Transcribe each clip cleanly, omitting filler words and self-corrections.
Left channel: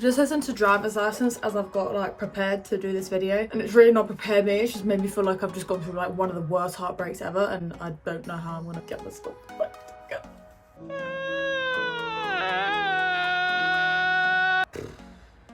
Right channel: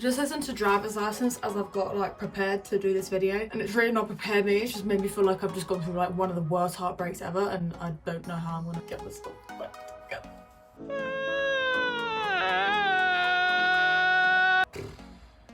Just listened to driver's license as I've got like prepared to do this video, and it's really not prepared me. It's just made me feel like I've just gone through like one of the worst heartbreaks ever, and I don't know how I'm gonna get this stuff back together.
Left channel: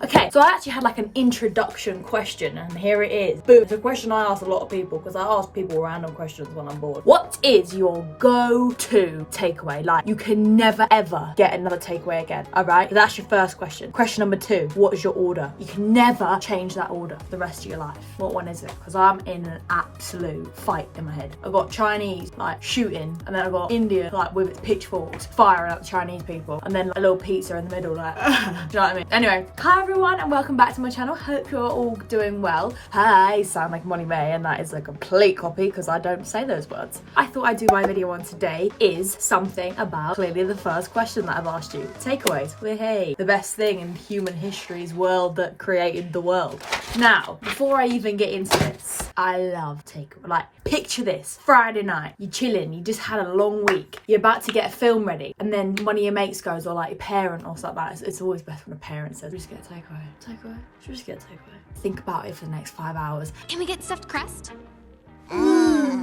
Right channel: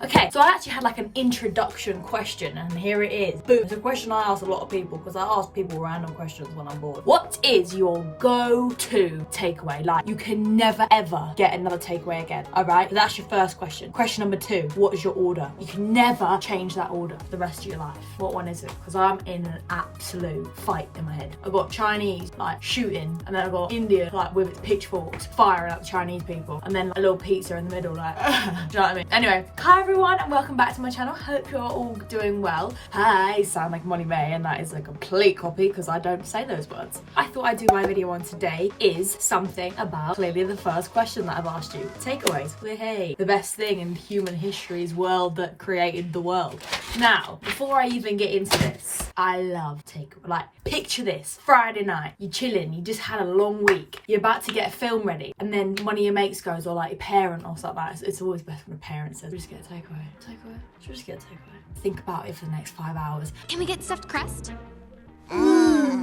Okay, so I actually had like an introduction question, and here it is. Boom. It's a question I ask a lot of people because I ask people random questions when I'm bored. What is your go-to takeaway? Like, you can never ever get another takeaway again, all right? So that's your first question. Question number 2, what is your order? You can never change that order for the rest of your life. What one is it? Because I'm in an absolute fight in my head. I've got Chinese, like, shooting, and then I've got India, like, with its pitchforks, firing at the Chinese people, and then like, a little pizza in the middle, like, do you know what I mean? Anyway, hi everyone and welcome back to my channel. Hope you're all doing well. Hi, sound like Molly May, and that is a complete copy because I don't say those words. I thought I'd do my video on today is something about clearly the first question that I've asked you. Takeaways. Well, hey, the best thing in human history's world that created the world. Now, before I even get into this, I love takeaway. Like, picture this. Friday night, you're chilling, you just had a long week, you're about to get a film ready, and then one of your mates goes, or like your parent or something like that. It's always best when a parent says, just get a takeaway. Takeaway? Should we just get a takeaway? Think about it for the next 5 hours. Can we get stuffed crust?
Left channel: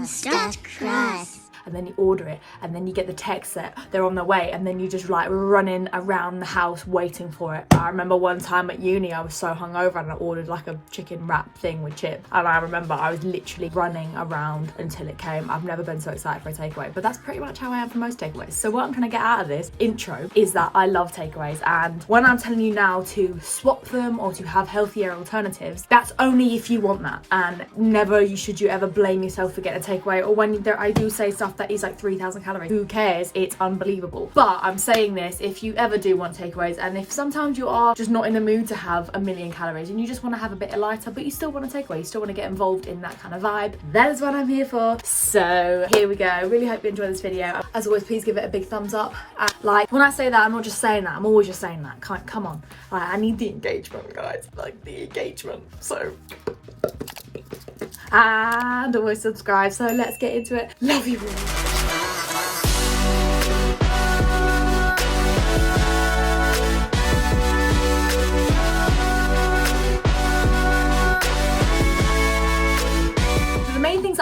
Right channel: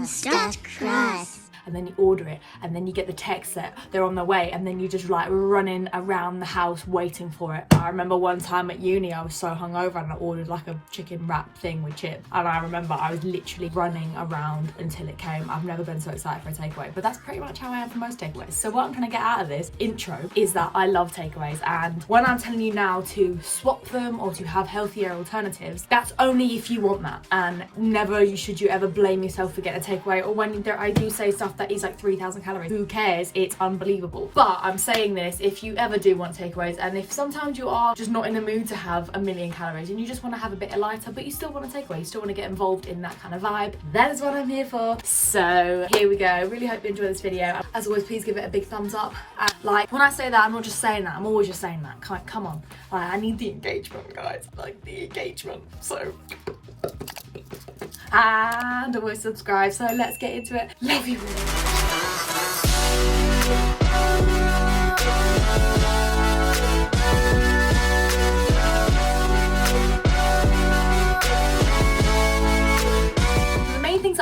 Stuffed crust. And then you order it, and then you get the text that they're on their way, and then you just like running around the house waiting for it. I remember one time at uni I was so hungover and I ordered like a chicken wrap thing with chips, and I remember I was literally running around until it came. I've never been so excited for a takeaway, but that's pretty much how I am for most takeaways. So what I'm gonna get out of this intro is that I love takeaways, and when I'm telling you now to swap them or to have healthier alternatives, that's only if you want that, and never should you ever blame yourself for getting a takeaway, or when I do say stuff that is like 3,000 calories. Who cares? It's unbelievable. But I'm saying this if you ever do want takeaways, and if sometimes you are just not in the mood to have a million calories and you just want to have a bit lighter, but you still want a takeaway, you still want to get involved in that kind of vibe, that is what I'm here for. So here we go. Really hope you enjoy this video. As always, please give it a big thumbs up. Like, when I say that, I'm not just saying that, I'm always just saying that. Come on. Like, I need the engagement, guys. Like, the engagement. So, and always subscribe. So let's get into it. Love you all.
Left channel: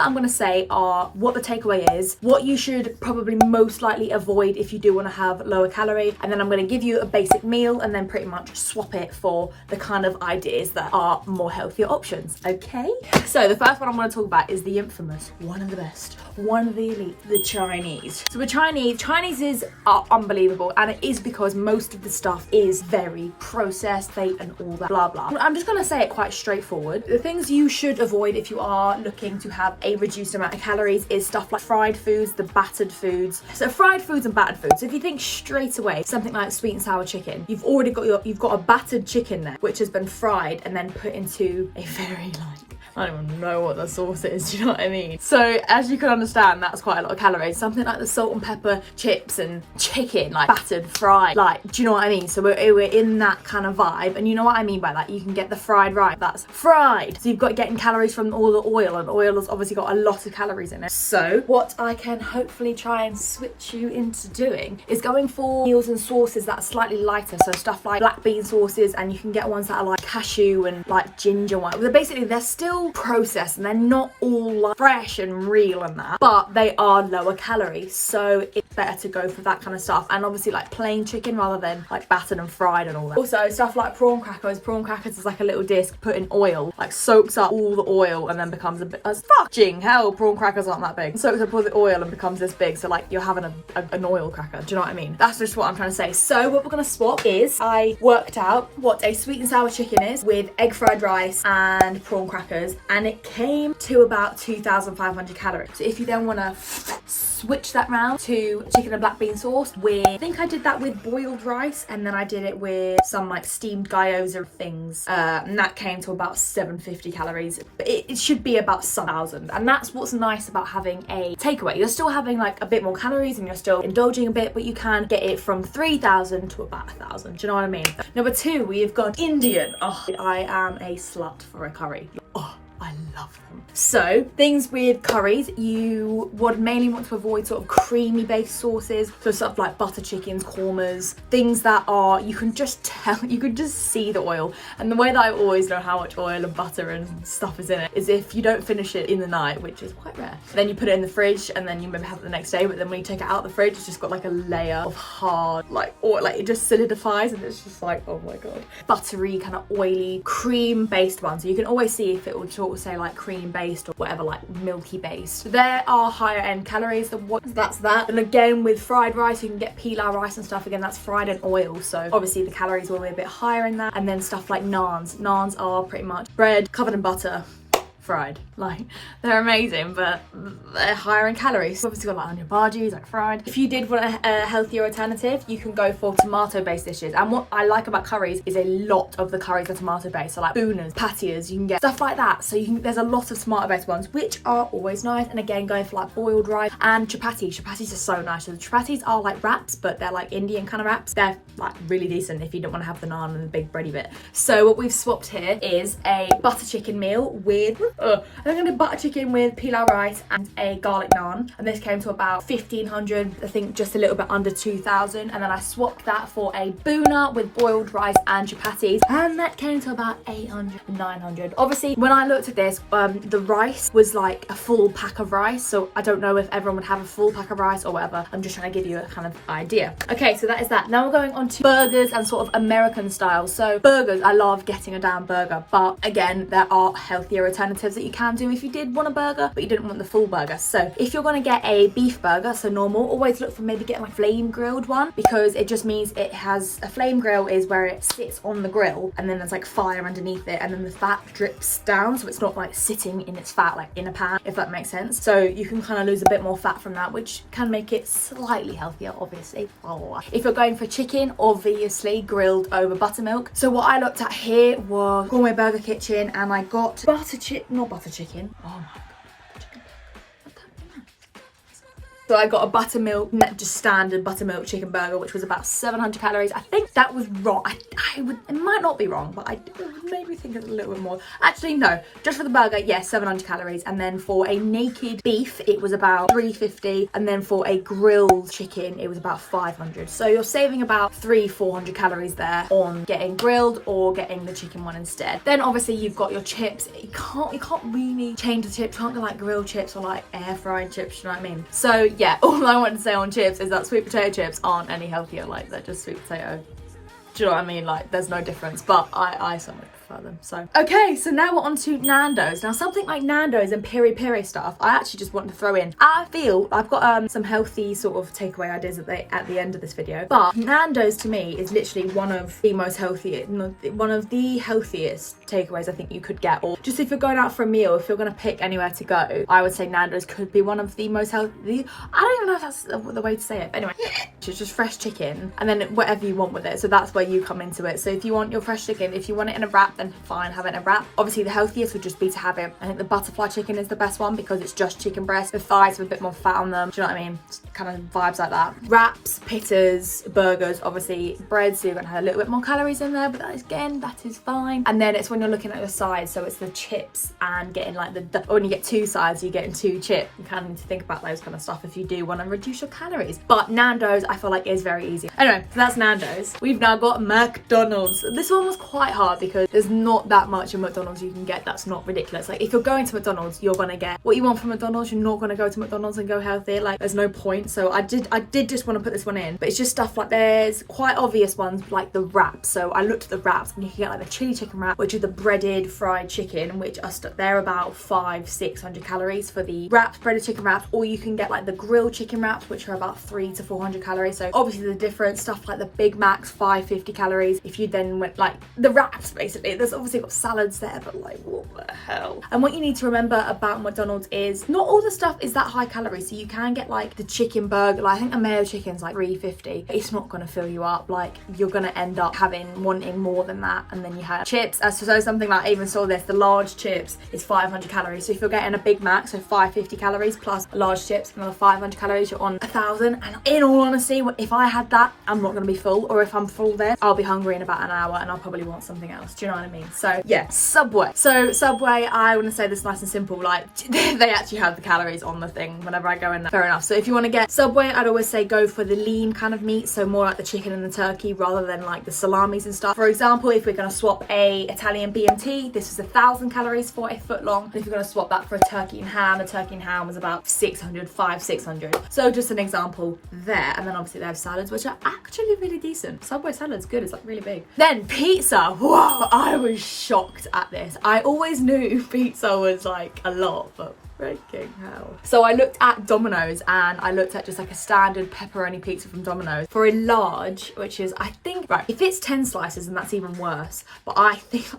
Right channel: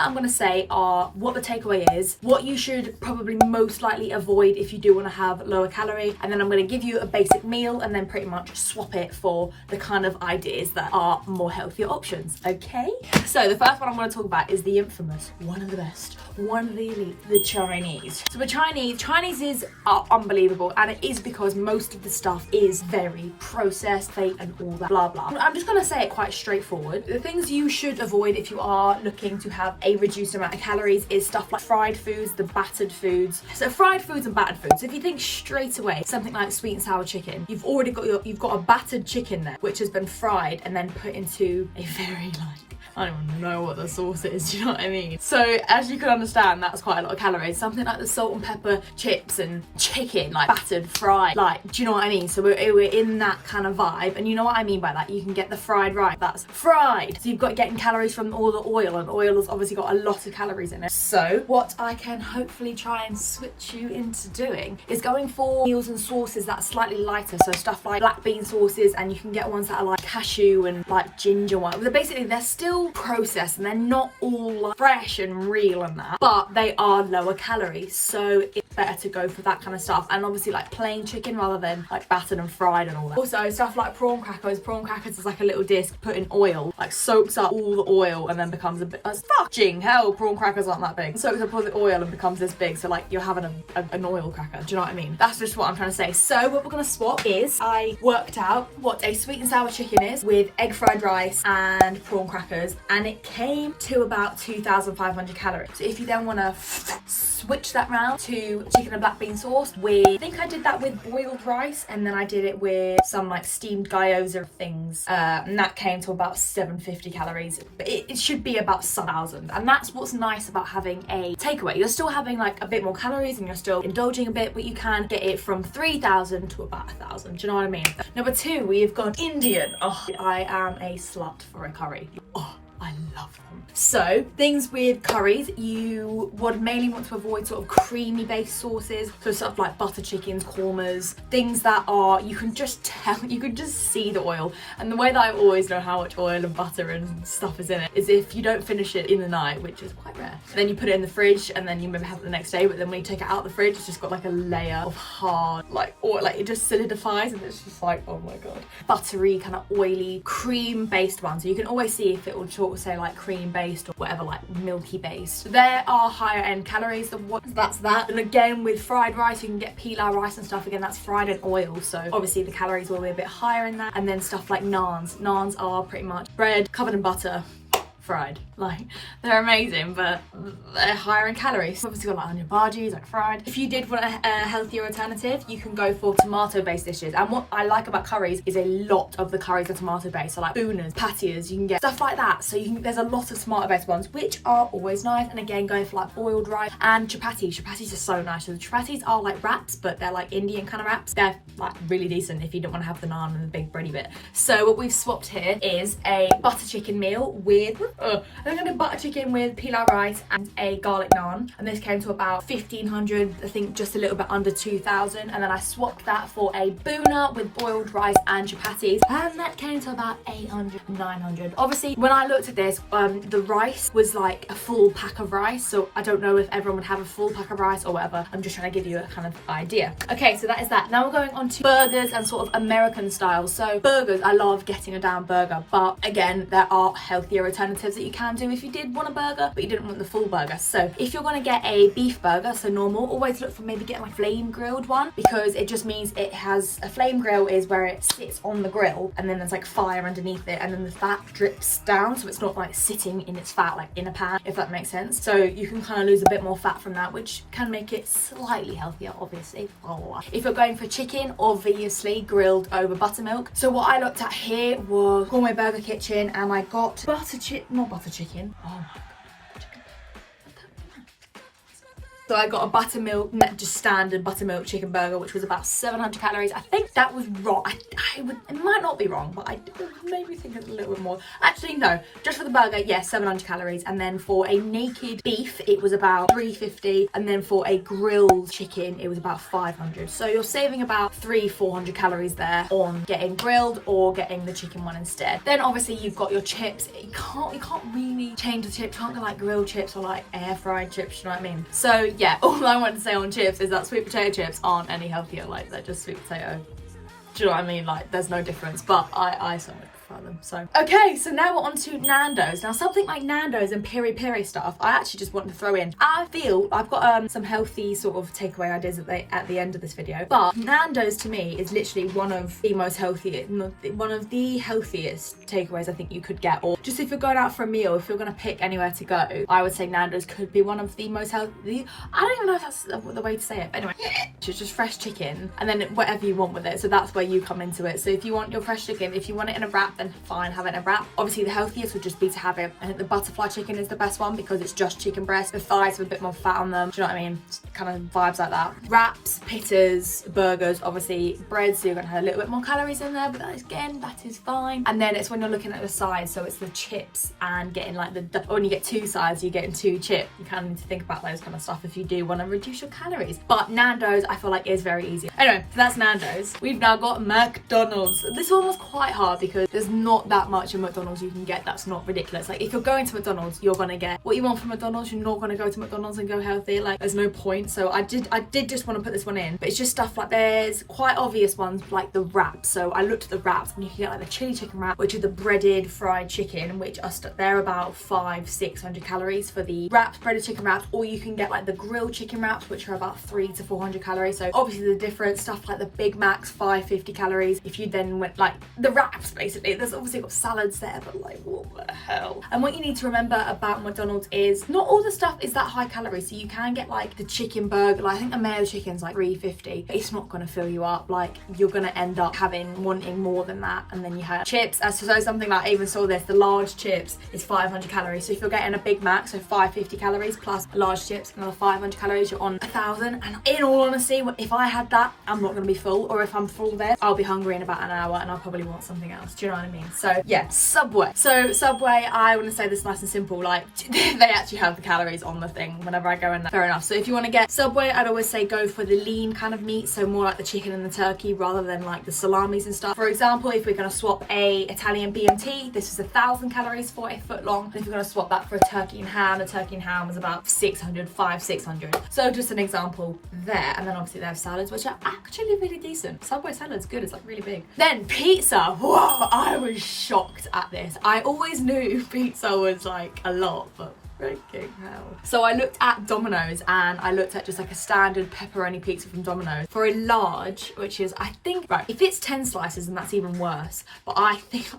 I'm going to say are what the takeaway is, what you should probably most likely avoid if you do want to have lower calorie, and then I'm going to give you a basic meal and then pretty much swap it for the kind of ideas that are more healthier options. Okay, so the first one I'm going to talk about is the infamous, one of the best, one of the elite, the Chinese. So the Chinese are unbelievable, and it is because most of the stuff is very processed, fake and all that blah blah. I'm just going to say it quite straightforward. The things you should avoid if you are looking to have a reduced amount of calories is stuff like fried foods, the battered foods. So fried foods and battered foods. If you think straight away something like sweet and sour chicken, you've already got a battered chicken there which has been fried and then put into a very like, I don't even know what the sauce is, do you know what I mean? So as you can understand, that's quite a lot of calories. Something like the salt and pepper chips and chicken, like battered, fried, like, do you know what I mean? So we're in that kind of vibe, and you know what I mean by that? You can get the fried rice, that's fried. So you've got getting calories from all the oil, and oil has obviously got a lot of calories in it. So what I can hopefully try and switch you into doing is going for meals and sauces that are slightly lighter. So stuff like black bean sauces, and you can get ones that are like cashew and like ginger one. They're still processed and they're not all like fresh and real and that, but they are lower calories, so it's better to go for that kind of stuff, and obviously like plain chicken rather than like battered and fried and all that. Also stuff like prawn crackers is like a little disc put in oil, like soaks up all the oil and then becomes a bit as fucking hell. Prawn crackers aren't that big, soaks up all the oil and becomes this big, so like you're having an oil cracker, do you know what I mean? That's just what I'm trying to say. So what we're gonna swap is, I worked out what a sweet and sour chicken is with egg fried rice and prawn crackers, and it came to about 2,500 calories. So if you then want to switch that round to chicken and black bean sauce with, I think I did that with boiled rice, and then I did it with some like steamed gyoza things, and that came to about 750 calories, but it should be about 1,000. And that's what's nice about having a takeaway. You're still having like a bit more calories and you're still indulging a bit, but you can get it from 3,000 to about 1,000. Do you know what I mean? Number 2, we've got Indian. Oh, I am a slut for a curry. Oh, I love them. So things with curries, you would mainly want to avoid sort of creamy based sauces, so stuff like butter chickens, kormas, things that are, you can just tell, you can just see the oil. And the way that I always know how much oil and butter and stuff is in it is if you don't finish it in the night, which is quite rare, then you put it in the fridge and then you maybe have it the next day, but then when you take it out of the fridge, it's just got like a layer of hard like oil, like it just solidifies and it's just like, oh my god. Buttery, kind of oily, cream based ones, so you can always see if it will sort of say like cream based or whatever, like milky based. There are higher end calories, so that's that. And again, with fried rice, you can get pilau rice and stuff, again that's fried in oil, so obviously the calories will be a bit higher in that. And then stuff like naans are pretty much bread covered in butter, fried. Like, they're amazing, but they're higher in calories. Obviously got like onion bhajis, like fried. If you did want a healthier alternative, you can go for tomato based dishes. And what I like about curries is a lot of the curries are tomato based, so like bhunas, patias, you can get stuff like that. So you can, there's a lot of tomato based ones, which are always nice. And again, going for like boiled rice and chapatis. Chapatis are so nice. So the chapatis are like wraps, but they're like Indian kind of wraps. They're like really decent if you don't want to have the naan and the big bready bit. So what we've swapped here is a butter chicken meal with I'm gonna do butter chicken with pilau rice and a garlic naan, and this came to about 1,500, I think just a little bit under 2,000. And then I swapped that for a bhuna with boiled rice and chapatis, and that came to about 800, 900. Obviously when I looked at this, the rice was like a full pack of rice, so I don't know if everyone would have a full pack of rice or whatever. I'm just trying to give you a kind of idea. Okay, so that is that. Now we're going on to burgers and sort of American style. So burgers, I love getting a damn burger, but again, there are healthier alternatives that you can do if you did want a burger but you didn't want the full burger. So if you're going to get a beef burger, so normal, always look for maybe getting a flame grilled one, because it just means it has a flame grill is where it sits on the grill and then there's like fire underneath it and then the fat drips down, so it's not like sitting in its fat like in a pan, if that makes sense. So you can kind of lose a bit more fat from that, which can make it slightly healthier, obviously. If you're going for chicken, obviously grilled over buttermilk. So what I looked at here was Gourmet Burger Kitchen, and I got not butter chicken. Oh my god. So I got a buttermilk, just standard buttermilk chicken burger, which was about 700 calories. I think that was wrong. It might not be wrong, but I maybe think it's a little bit more. Actually, no, just for the burger, yes, 700 calories. And then for a naked beef, it was about 350. And then for a grilled chicken, it was about 500. So you're saving about 400 calories there on getting grilled or getting the chicken one instead. Then obviously you've got your chips. You can't really change the chips. You can't do like grilled chips or like air fried chips, you know what I mean? So yeah, all I want to say on chips is that sweet potato chips aren't any healthier. Like, they're just sweet potato. Do you know what I mean? Like, there's no difference, but I certainly prefer them. So okay, so now we're on to Nandos. Now something like Nandos and piri piri stuff, I actually just want to throw in. I feel I've got some healthy sort of takeaway ideas at the end of this video, but Nandos to me is literally one of the most healthiest, one of the healthiest takeaways I think you could get. Or just if you're going out for a meal, if you're going to pick anywhere to go, I would say Nandos could be one of the most healthy. I don't even know if that's the way to say it, but anyway, it's just fresh chicken and then whatever you want with it. So that's where you come into it. So if you want your fresh chicken, if you want it in a wrap, then fine, have it in a wrap. Obviously the healthiest would just be to have it, I think the butterfly chicken is the best one because it's just chicken breast. The thighs have a bit more fat on them, do you know what I mean? Just kind of vibes like that. Wraps, pittas, burgers, obviously bread, so you're gonna have a little bit more calories in there, but that is fine. And then it's when you're looking at your sides, so it's the chips and getting like when you get two sides, you're getting two chips. You kind of need to think about those kind of stuff if you do want to reduce your calories. But Nandos, I feel like is very easy. Anyway, so that's Nandos. We've now got McDonald's. This one was quite hard because there's not that much in McDonald's you can get that's not ridiculous. Like, if you're going to McDonald's, you're gonna get what you want from McDonald's. You're not gonna go to McDonald's and go healthy. Like, there's no point. So I did just want to put this one in, but it's just stuff like, there's quite obvious ones like the wraps. So I looked at the wraps and you can get like the chili chicken wrap, which is the breaded fried chicken, which are they're about 500-600 calories for the wraps, breaded chicken wraps, or you can get like the grilled chicken wraps, which are about 300 to 400 calories. So obviously the different stuff like the Big Mac's 550 calories. If you then went like the wraps, basically, there's obviously got salads there, but like, what the hell? And what you need to remember about McDonald's is not all the stuff is that high calorie. So you can get like the chicken burger, like I think a mayo chicken's like 350. It's not gonna fill you up. Like, you're gonna end up wanting more than that. And then you have chips. So something like, I even saw this, the large chips is 500 calories. So if you're getting a Big Mac, so 550 calories plus large chips, another 500 calories, you're on 1,000. And in all honesty, if I had that, I'm not gonna be full. Or if I'm full there, I'll be hungry in about an hour and I'll probably want something else. Do you know what I mean? So yeah, Subway. So Subway, I want to say this nice and simple, like they actually have the calories on the thing whenever I go in there. Fair enough. So if you want to get Subway, I'd always say go for the lean kind of meat, so more like the chicken and the turkey rather than like the salamis and stuff. For example, if we're going to swap a Italian BMT, this is 1,000 calories for a foot long. And if you're going to swap that for a turkey and ham, the turkey and ham was about 600. So just an example there. And then obviously they have salads, which are actually really decent. Subway salad's good, it's like really big. Then pizza. Whoa, I was shocked at this. I always knew pizza was like a lot, but freaking hell. So I looked at Domino's and I looked at just like a standard pepperoni pizza from Domino's for a large, which is, I think, right, if it's 10 slices, then that's even worse. But I think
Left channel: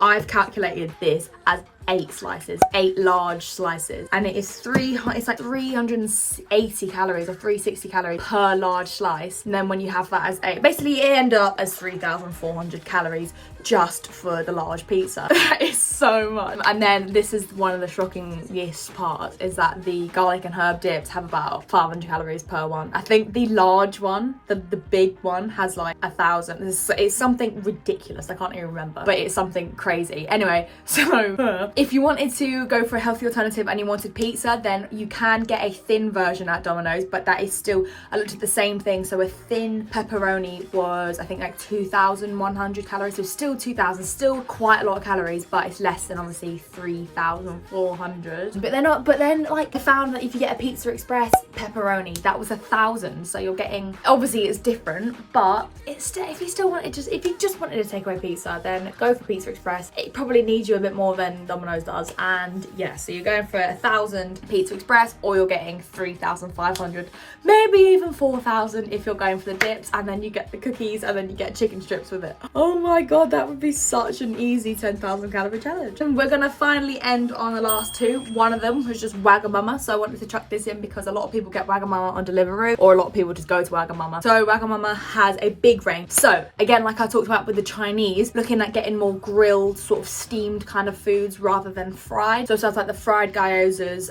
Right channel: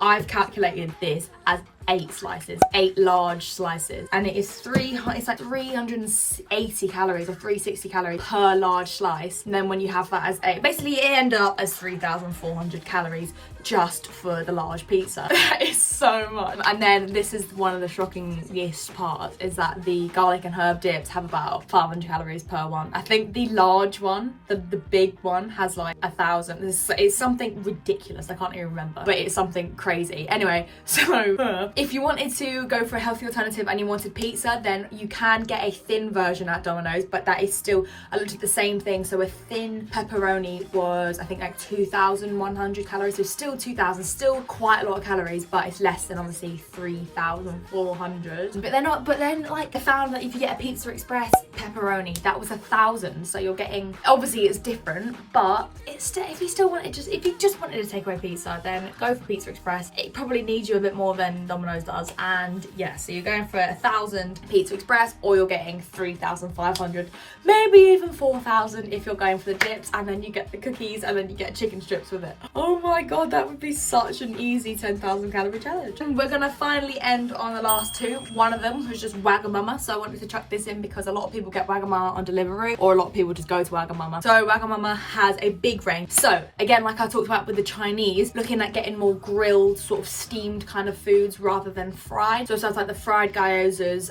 I've calculated this as 8 slices, 8 large slices, and it's like 380 calories or 360 calories per large slice. And then when you have that as 8, basically it end up as 3,400 calories just for the large pizza. That is so much. And then this is one of the shockingest parts, is that the garlic and herb dips have about 500 calories per one. I think the large one, the big one, has like 1,000. It's something ridiculous. I can't even remember, but it's something crazy. Anyway, so if you wanted to go for a healthy alternative and you wanted pizza, then you can get a thin version at Domino's, but that is still, I looked at the same thing. So a thin pepperoni was, I think, like 2,100 calories. So still 2,000, still quite a lot of calories, but it's less than obviously 3,400. But then like they found that if you get a Pizza Express pepperoni, that was 1,000. So you're getting, obviously it's different, but it's still, if you just wanted a takeaway pizza, then go for Pizza Express. It probably needs you a bit more than Domino's does. And yeah, so you're going for 1,000 Pizza Express, or you're getting 3,500, maybe even 4,000 if you're going for the dips, and then you get the cookies, and then you get chicken strips with it. Oh my god, that would be such an easy 10,000 calorie challenge. And we're gonna finally end on the last two. One of them was just Wagamama, so I wanted to chuck this in because a lot of people get Wagamama on delivery, or a lot of people just go to Wagamama. So Wagamama has a big range. So again, like I talked about with the Chinese, looking at getting more grilled, sort of steamed kind of foods rather than fried. So stuff like the fried gyozas,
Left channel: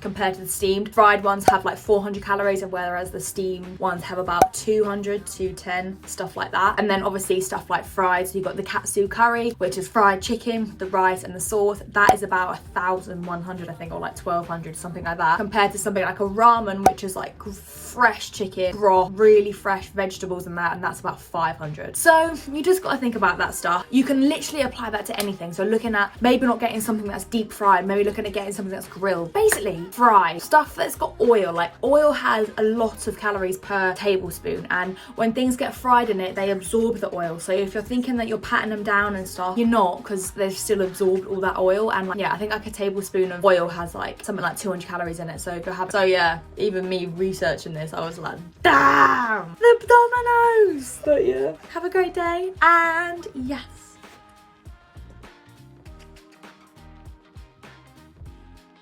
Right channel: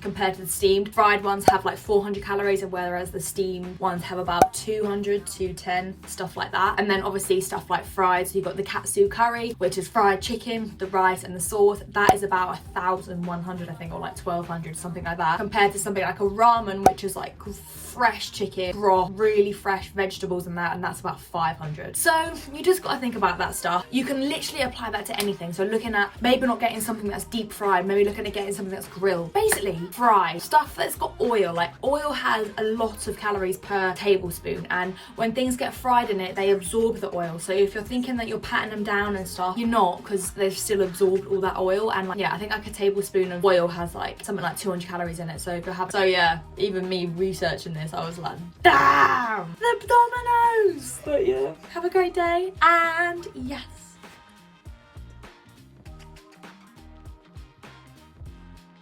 compared to the steamed. Fried ones have like 400 calories, whereas the steamed ones have about 200 to 10, stuff like that. And then obviously stuff like fried, so you've got the katsu curry, which is fried chicken, the rice and the sauce. That is about 1,100, I think, or like 1,200, something like that, compared to something like a ramen, which is like fresh chicken broth, really fresh vegetables and that's about 500. So you just got to think about that stuff. You can literally apply that to anything. So looking at maybe not getting something that's deep fried, maybe looking at getting something that's grilled. Basically fried stuff that's got oil. Like oil has a lot of calories per tablespoon, and when things get fried in it, they absorb the oil. So if you're thinking that you're patting them down and stuff, you're not, because they've still absorbed all that oil. And like, yeah, I think like a tablespoon of oil has like something like 200 calories in it. So go have. So yeah, even me researching this, I was like, damn, the Domino's. But yeah, have a great day, and yes.